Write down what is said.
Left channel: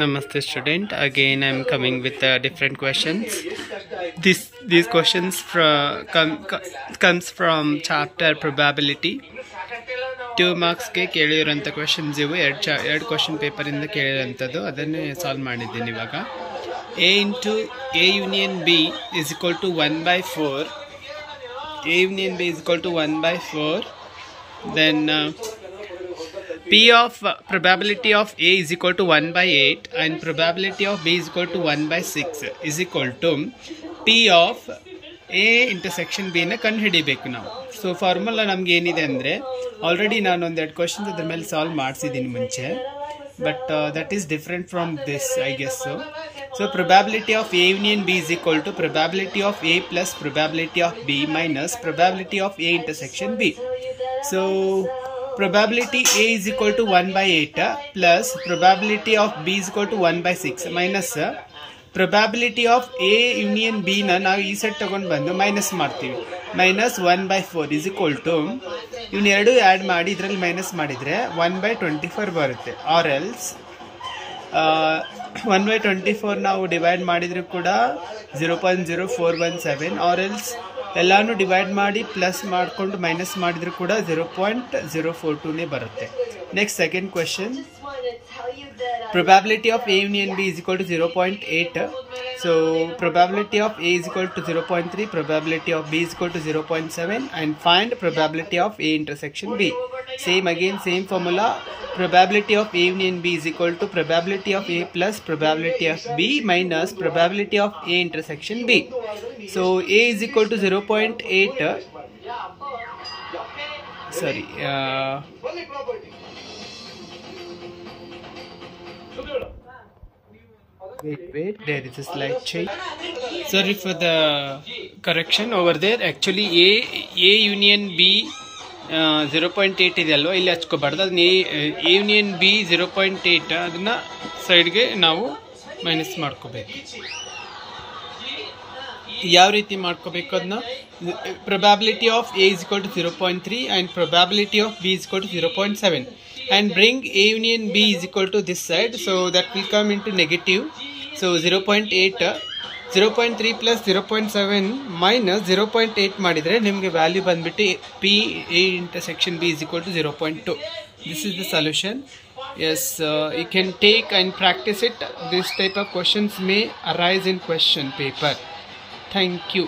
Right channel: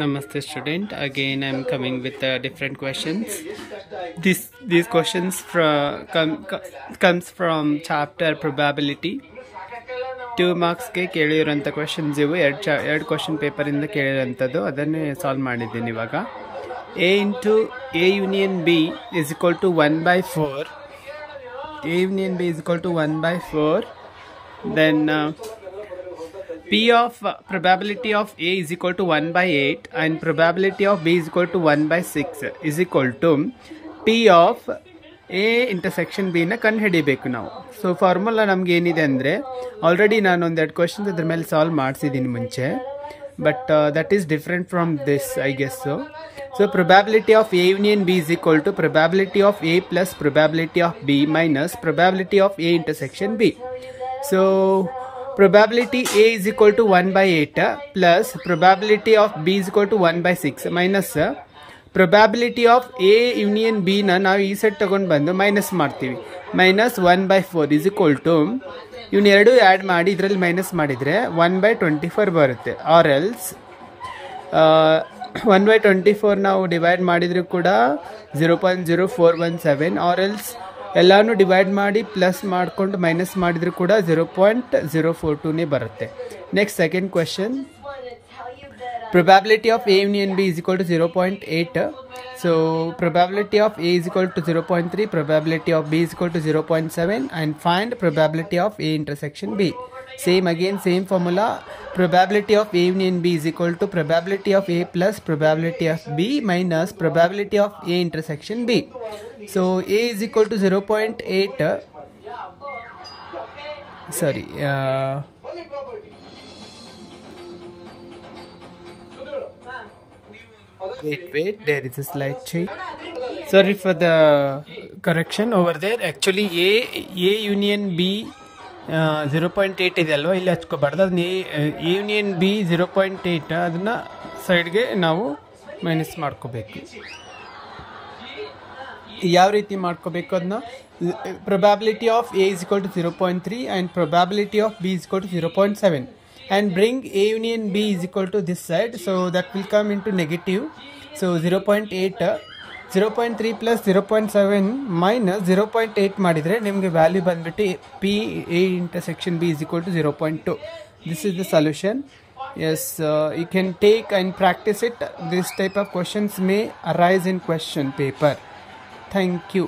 Namaste student, again I am coming with different questions. These questions comes from chapter probability. 2 marks ಗೆ ಕೇಳಿರೋಂಥ questions ಇವು. ಎರಡು question paper ಇಂದ ಕೇಳಿರೋಂಥದ್ದು, ಅದನ್ನೇ solve ಮಾಡಿದ್ದೀನಿ ಇವಾಗ. A into A union B is equal to 1/4. A union B is equal to 1/4. Then P of probability of A is equal to 1/8 and probability of B is equal to 1/6 is equal to P of A intersection B ನ ಕಂಡು ಹಿಡಿಬೇಕು ನಾವು. So formula ನಮ್ಗೆ ಏನಿದೆ ಅಂದರೆ, already ನಾನು ಒಂದೆರಡು questions ಅದ್ರ ಮೇಲೆ ಸಾಲ್ವ್ ಮಾಡಿಸಿದ್ದೀನಿ ಮುಂಚೆ, but that is different from this I guess. So probability of A union B is equal to probability of A plus probability of B minus probability of A intersection B. So probability A is equal to 1/8 plus probability of B is equal to 1/6 minus probability of A union B ನ ನಾವು ಈ set ತಗೊಂಡು ಬಂದು minus ಮಾಡ್ತೀವಿ. minus 1/4 is equal to ಇವನ್ನ ಎರಡು add ಮಾಡಿ ಇದರಲ್ಲಿ ಮೈನಸ್ ಮಾಡಿದರೆ 1/24 ಬರುತ್ತೆ. ಆರ್ ಎಲ್ಸ್ 1/24 ನಾವು ಡಿವೈಡ್ ಮಾಡಿದರೂ ಕೂಡ 0.0417, ಆರ್ ಎಲ್ಸ್ ಎಲ್ಲಾನು ಡಿವೈಡ್ ಮಾಡಿ ಪ್ಲಸ್ ಮಾಡಿಕೊಂಡು ಮೈನಸ್ ಮಾಡಿದರೂ ಕೂಡ 0.042ನೇ ಬರುತ್ತೆ. Next second question, probability of A union B is equal to 0.8. So probability of A is equal to 0.3, probability of B is equal to 0.7 and find probability of A intersection B. Same again, same formula. Probability of A union B is equal to probability of A plus probability of B minus probability of A intersection B. So A is equal to 0.8. Sorry. Wait, there is a slight change. Sorry for the correction over there. Actually A union B 0.8 ಇದೆ ಅಲ್ವಾ, ಇಲ್ಲಿ ಹಚ್ಕೋಬಾರ್ದು. ಅದನ್ನ A union B 0.8 ಅದನ್ನು ಸೈಡ್ಗೆ ನಾವು minus ಮಾಡ್ಕೋಬೇಕು. ಯಾವ ರೀತಿ ಮಾಡ್ಕೋಬೇಕು ಅದನ್ನ, probability of A is equal to 0.3 and probability of B is equal to 0.7 and bring A union B is equal to this side, so that will come into negative. So 0.8 0.3 plus 0.7 minus 0.8 ಮಾಡಿದರೆ ನಿಮಗೆ value ಬಂದ್ಬಿಟ್ಟು P A intersection B is equal to 0.2. This is the solution. Yes, you can take and practice it. This type of questions may arise in question paper. Thank you.